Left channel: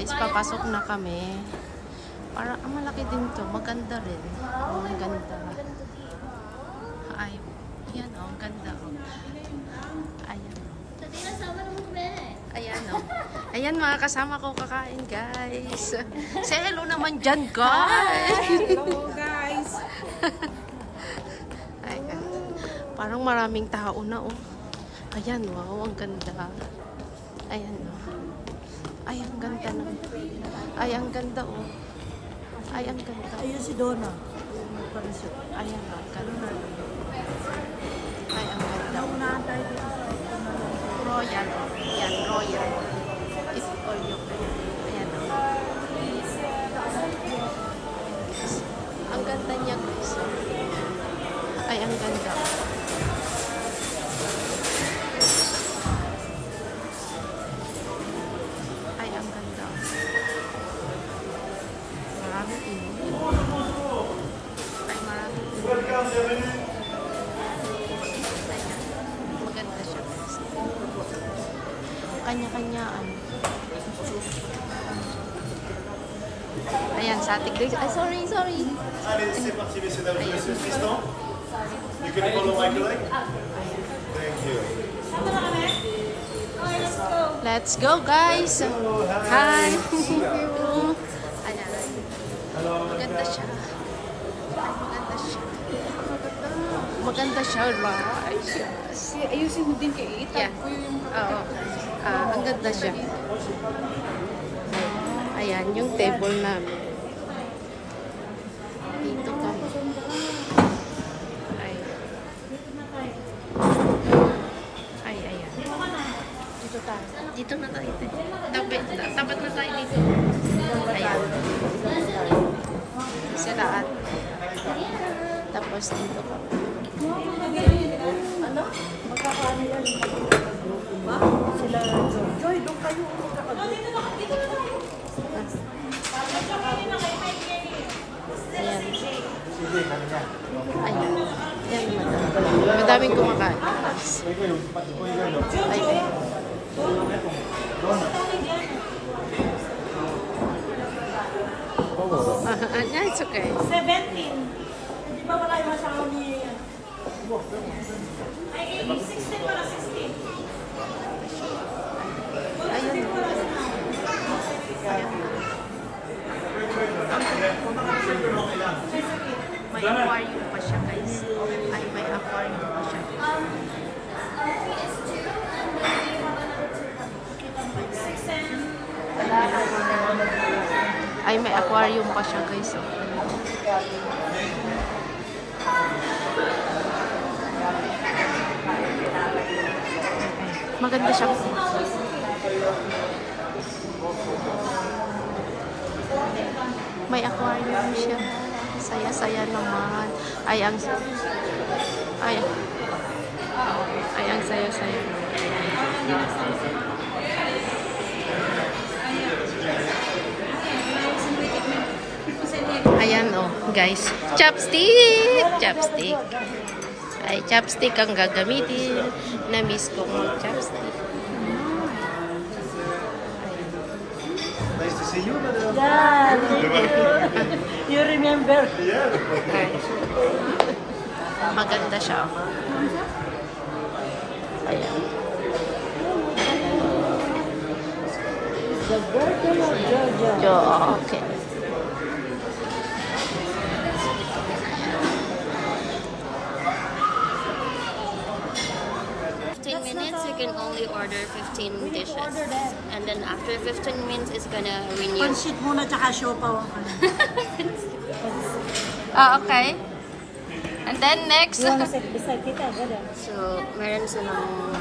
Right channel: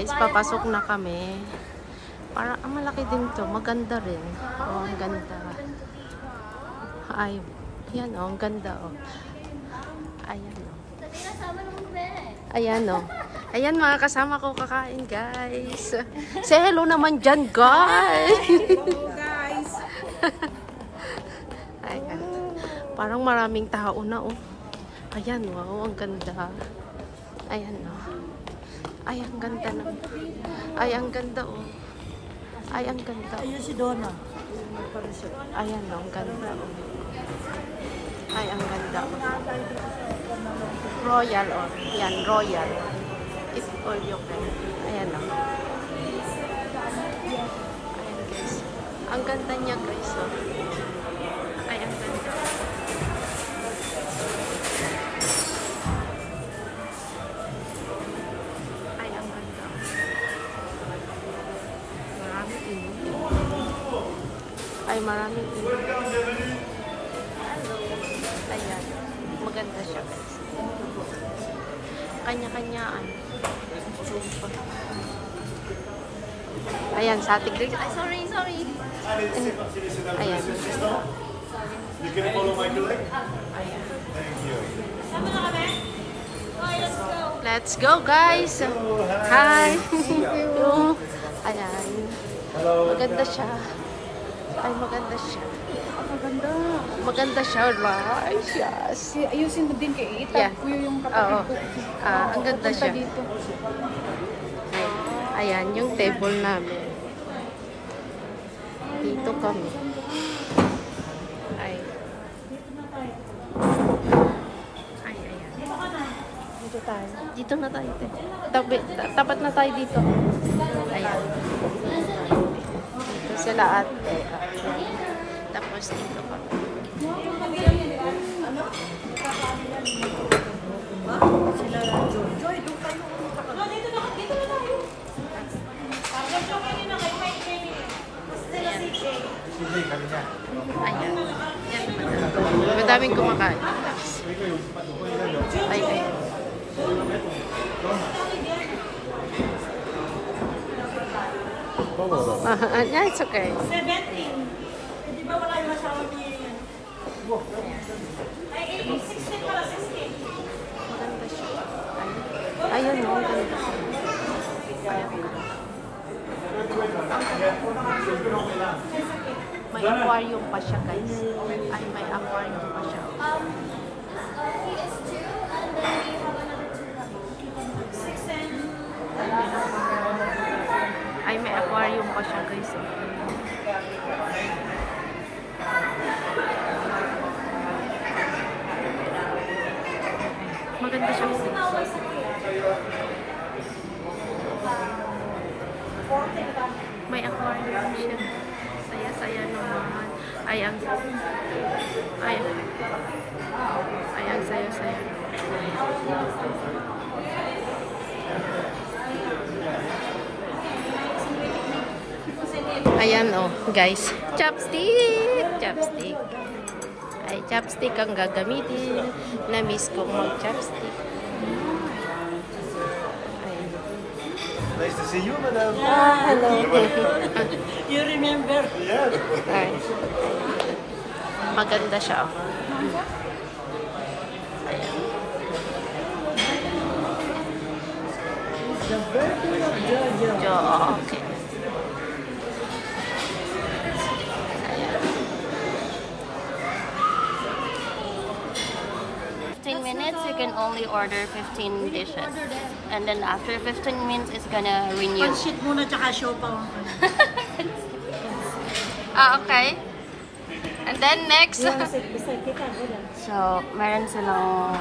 guys, papasok na kami. Para malaki din to, maganda rin. Oh, ang ganda. Ay, yan oh, ang ganda oh. Ayan oh. Ayan oh. Ayan mga kasama ko kakain guys. Say hello naman dyan guys. Hello guys. Ayan. Parang maraming tao na oh. Ayan wow, ang ganda. Ayan oh. Ay, ang ganda ng. Ay, ang ganda oh. Ay, ang ganda. Ayun si Donna. Ayan oh, ang ganda. Ay, ang ganda. Royal oh. Yan, royal. It's all yung ayan oh. Ang ganda niya guys oh. Ay, ang ganda. Ay, ang ganda. Maraming inumin. Ay, maraming inumin. Ayan. Maganda siya guys. Kanya-kanyaan. Ayan, sa ating Grace. Ay, sorry. Ayan. You can follow my leg? Thank you. Let's go, guys. Hi. Ayan. Maganda siya. Ay, maganda siya. Maganda siya, right? Yes. Ayusin mo din kay Ita. Yeah. Oo. Ang ganda siya. Ayan, yung table namin. Dito kami. Ay. Ay, ayan. Dito na tayo. Tapat na tayo dito. Ayan. Dito sila ate. Tapos dito kami. Ayan. Ayan. Madaming kumakain. Ay, ay. Yeah, it's okay. 17. Hindi ba wala yung masyado ni... Ay, 16 para 16. Ayun, no. May aquarium pa siya, guys. Ay, may aquarium pa siya. Ay, may aquarium pa siya, guys. Oh. Maganda siya. May aquarium siya. Saya-saya naman. Ay, ang saya-saya naman. Ayan oh, guys. Chopstick! Chopstick. Ay, chopstick ang gagamitin. Na-miss kong mag-chopstick. Nice to see you, madam. Hello. You remember? Yeah. Ay. Maganda siya. Ayan. The birthday of Jojo. Okay. Minutes, you can only order 15 dishes. Order that. And then after 15 minutes, it's gonna renew. Pansit muna tsaka siopaw. Okay. And then next. Beside kita, gada. So, meron silang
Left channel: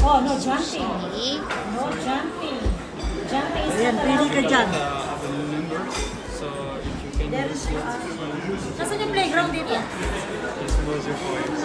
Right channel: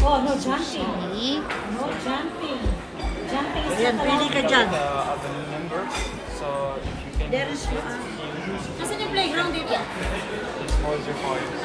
Oh, no jumping. chili. No jumping. Jumping is not allowed. Pili ka dyan. So if you can There is Nasaan yung playground dito?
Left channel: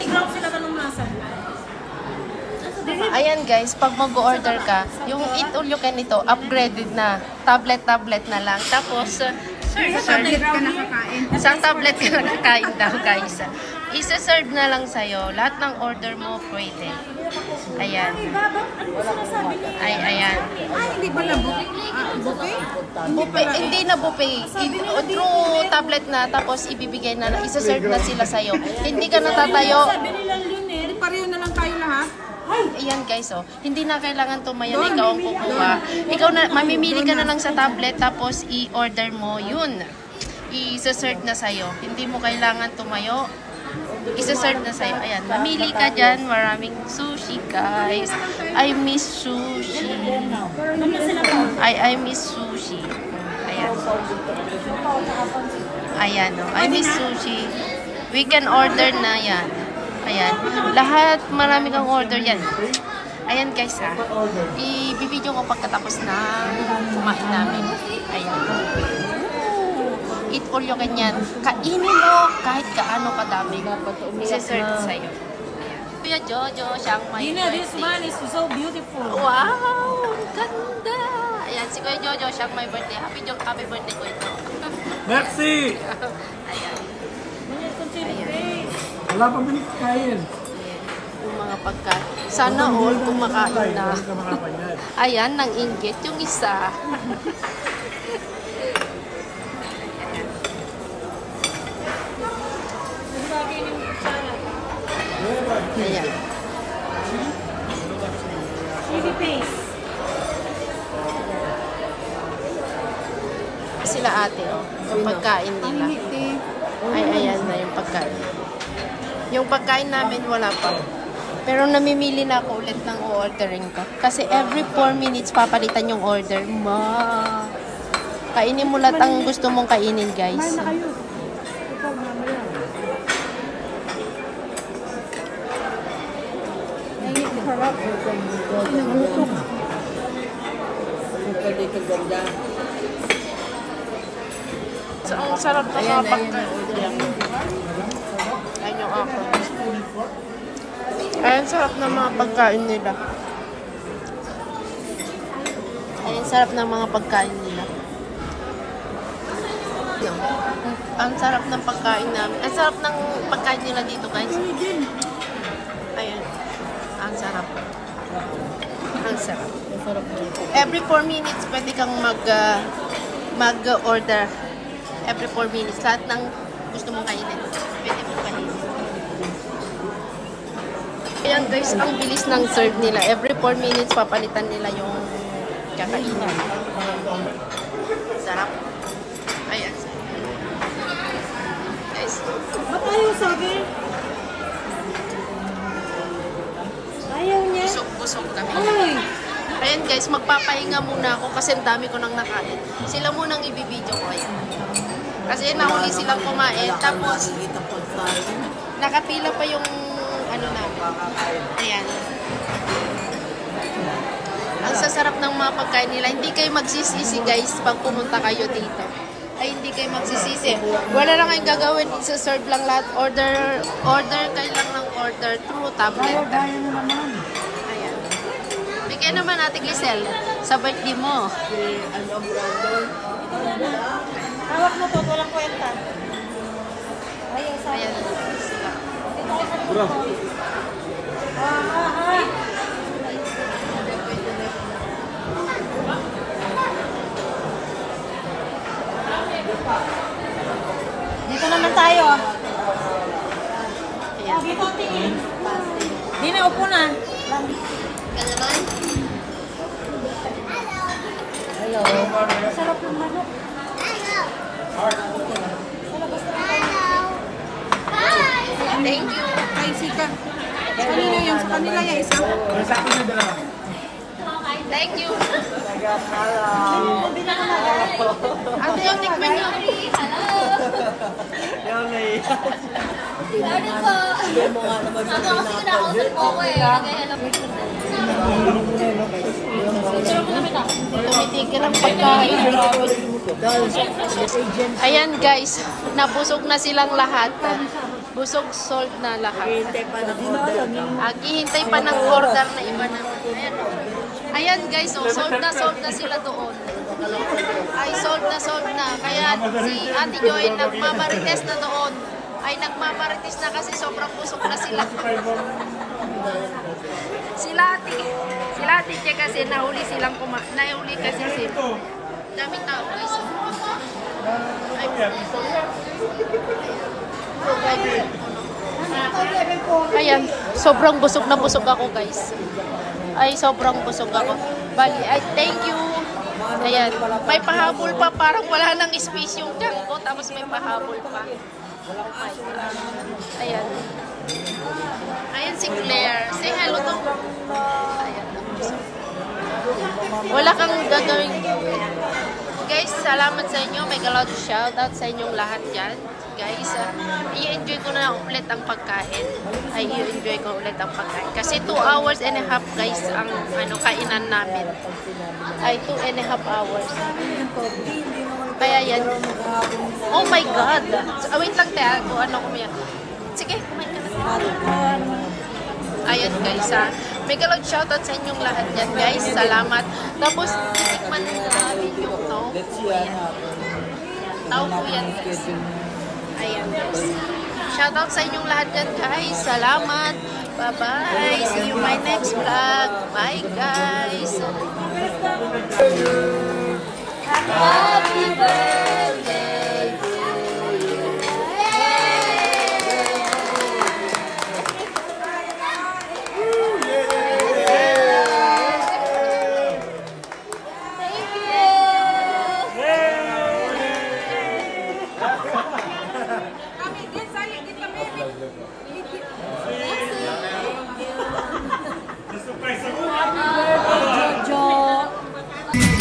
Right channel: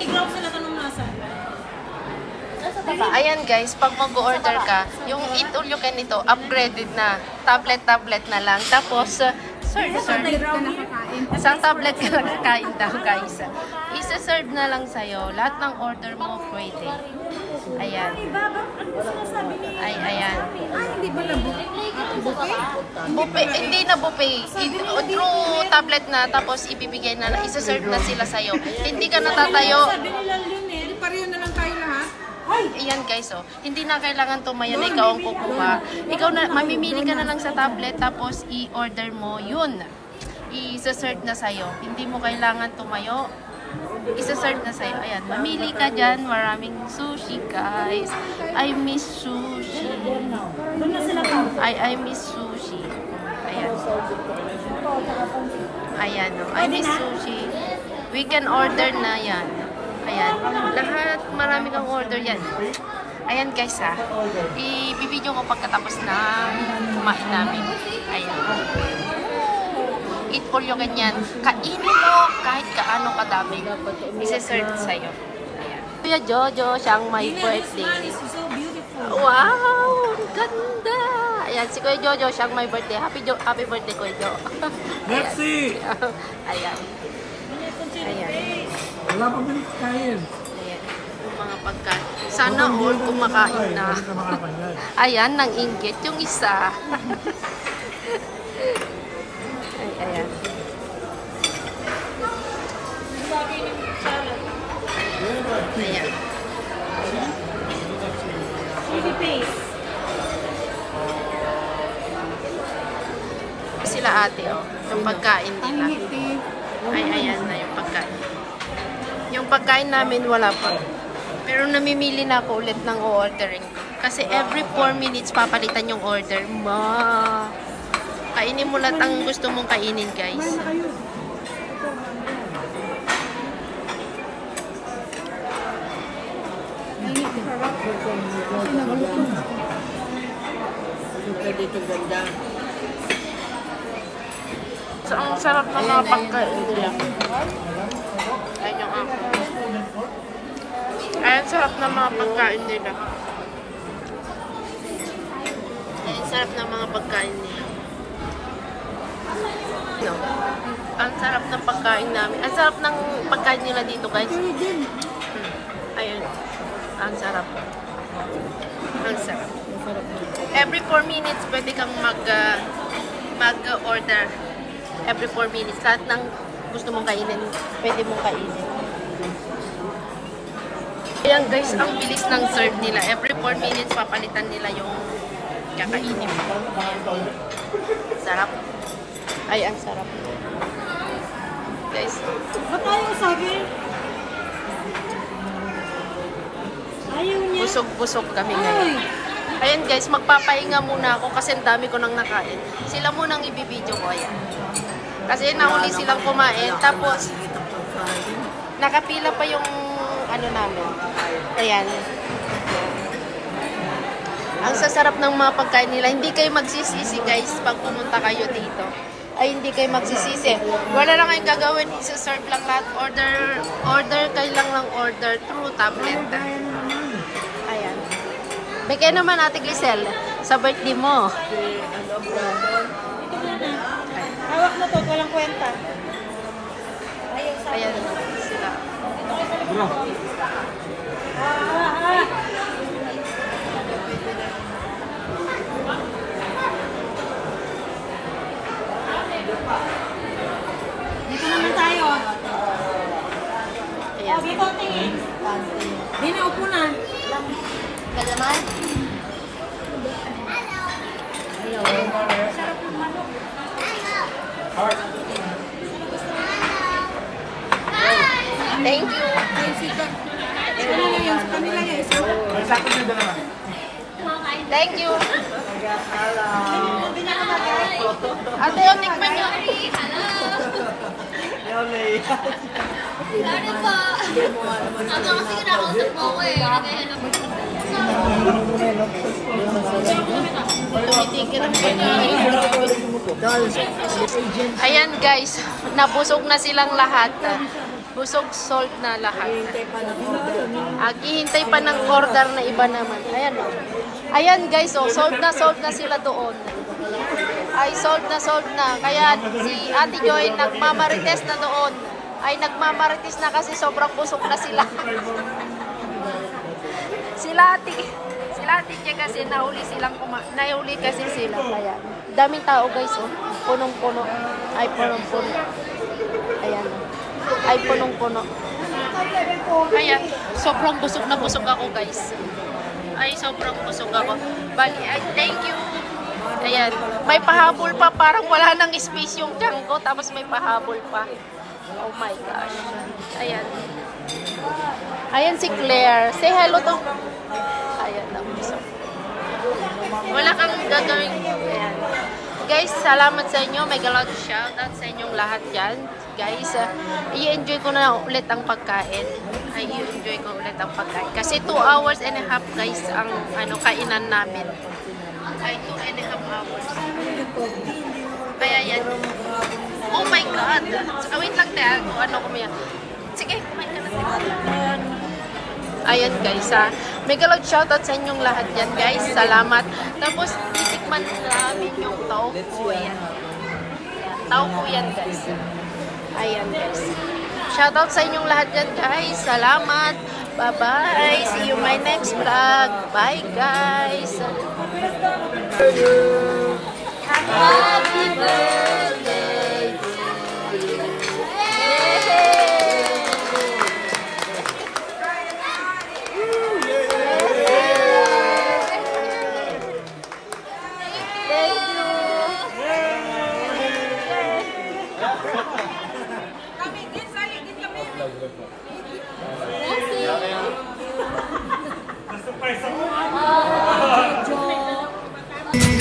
Playground sila tanong nasan. Ayan guys, pag mag-order ka, yung Eat All You Can nito, upgraded na. Tablet na lang. Tapos, isang tablet ka nakakain daw guys. Isa-serve na lang sa'yo. Lahat ng order mo pwede. Ayan. Ano po sinasabi ni... Ay, ayan. hindi ba na buffet? Buffet, hindi na buffet. Through tablet na, tapos ibibigay na, isa-serve na sila sa'yo. Hindi ka natatayo. Sabi nila, Lionel, pareho na lang tayo lahat. Ayan guys, oh. Hindi na kailangan tumayo na ikaw ang kukuha. Ikaw na, mamimili ka na lang sa tablet, tapos i-order mo yun. I-serve na sa'yo. Hindi mo kailangan tumayo. Isa-serve na sa'yo. Ayan, mamili ka dyan. Maraming sushi, guys. I miss sushi. I miss sushi. Ayan. Ayan, oh. I miss sushi. We can order na yan. Ayan. Lahat, marami kang order yan. Ayan, guys, ha. I-video ko pagkatapos na kumain namin. Ayan. Eat all you can yan. Kainin mo kahit kaano kadami. Isa-serve sa'yo. Ayan. Kuya Jojo, siyang may birthday. This man is so beautiful. Wow! Ang ganda! Ayan, si Kuya Jojo, siyang may birthday. Happy birthday, Kuya Jo. Merci! Ayan. Ayan. Wala pa balik kain. Ayan. Yung mga pagkain. Sana all kumakain na. Ayan, nang inggit yung isa. Ayan. Ayan. Baby face. Sila ate, oh. Yung pagkain nila. Ay, ayan na yung pagkain. Yung pagkain namin wala pa. Pero namimili na ako ulit ng o-ordering ko. Kasi every 4 minutes papalitan yung order. Kainin mo lahat ang gusto mong kainin, guys. Dito ganda. So, ang sarap ng mga pagkain. Ayun yung ako. Ayan, sarap ng mga pagkain nila. Ayan, sarap ng mga pagkain nila. Ang sarap ng pagkain namin. Ang sarap ng pagkain nila dito, guys. Ayan. Ang sarap. Ang sarap. Every 4 minutes, pwede kang mag-order. Every 4 minutes. Lahat ng gusto mong kainin, pwede mong kainin. Ayan guys, ang bilis ng serve nila. Every 4 minutes, papalitan nila yung kakainin. Sarap. Ay, ang sarap. Guys. Ba't ayaw sa akin? Ayaw niya. Busog-busog kami. Ay! Ayan guys, magpapahinga muna ako kasi ang dami ko nang nakain. Sila munang ibibideo ko, ayan. Kasi nauli silang kumain, tapos nakapila pa yung ano namin. Ayan. Ang sasarap ng mga pagkain nila. Hindi kayo magsisisi guys pag pumunta kayo dito. Ay, hindi kayo magsisisi. Wala lang kayong gagawin. Isa-serve lang lahat. Order kayo lang ng order through tablet. Ayan. Bigay naman natin, Glisel, sa birthday mo. Hawak mo to, walang kwenta. Ayan. Bro. Dito naman tayo. Ayan. Dito, tingin. Di na, upo na. Sarap ng manok. Thank you. Ay, sika. Sa kanila yung sa kanila yung isa. Thank you. Ate, yung tikman nyo. Hindi mo nga naman yung Tumitigil ang pagkain. Ayan guys, nabusog na silang lahat. Busog, sold na lahat. Hihintay pa ng order na iba naman. Ayan o. Ayan guys, oh, sold na sila doon. Ay, sold na. Kaya si Ate Joy nagmamarites na doon. Ay, nagmamarites na kasi sobrang busog na sila. Sila Sila ate Che kasi nahuli kasi sila. Kaya, daming tao guys, oh. Punong-puno. Ay, punong-puno. Ay, punong-puno. Ayan, sobrang busog na busog ako guys. Ay, sobrang busog ako. Bali, ay, thank you. Ayan, may pahabol pa. Parang wala nang space yung tiyan ko. Tapos may pahabol pa. Oh my gosh. Ayan. Ayan si Claire. Say hello to. Ayan, tapos. Wala kang gagawin. Ayan. Guys, salamat sa inyo. Mega loud shoutout sa inyong lahat dyan. Guys, i-enjoy ko na ulit ang pagkain. Ay, i-enjoy ko ulit ang pagkain. Kasi 2 hours and a half guys ang kainan namin. Ay, 2.5 hours. Kaya yan. Oh my God. Wait lang tayo. Ano kumain. Sige, kumain ka na. Ayan guys ha. Mega loud shoutout sa inyong lahat dyan guys. Salamat. Tapos, tikman namin yung tofu. Ayan. Tofu yan guys. Ayan guys. Shoutout sa inyong lahat dyan guys. Salamat. Bye-bye. See you my next vlog. Bye guys. Happy birthday to you. Jojo.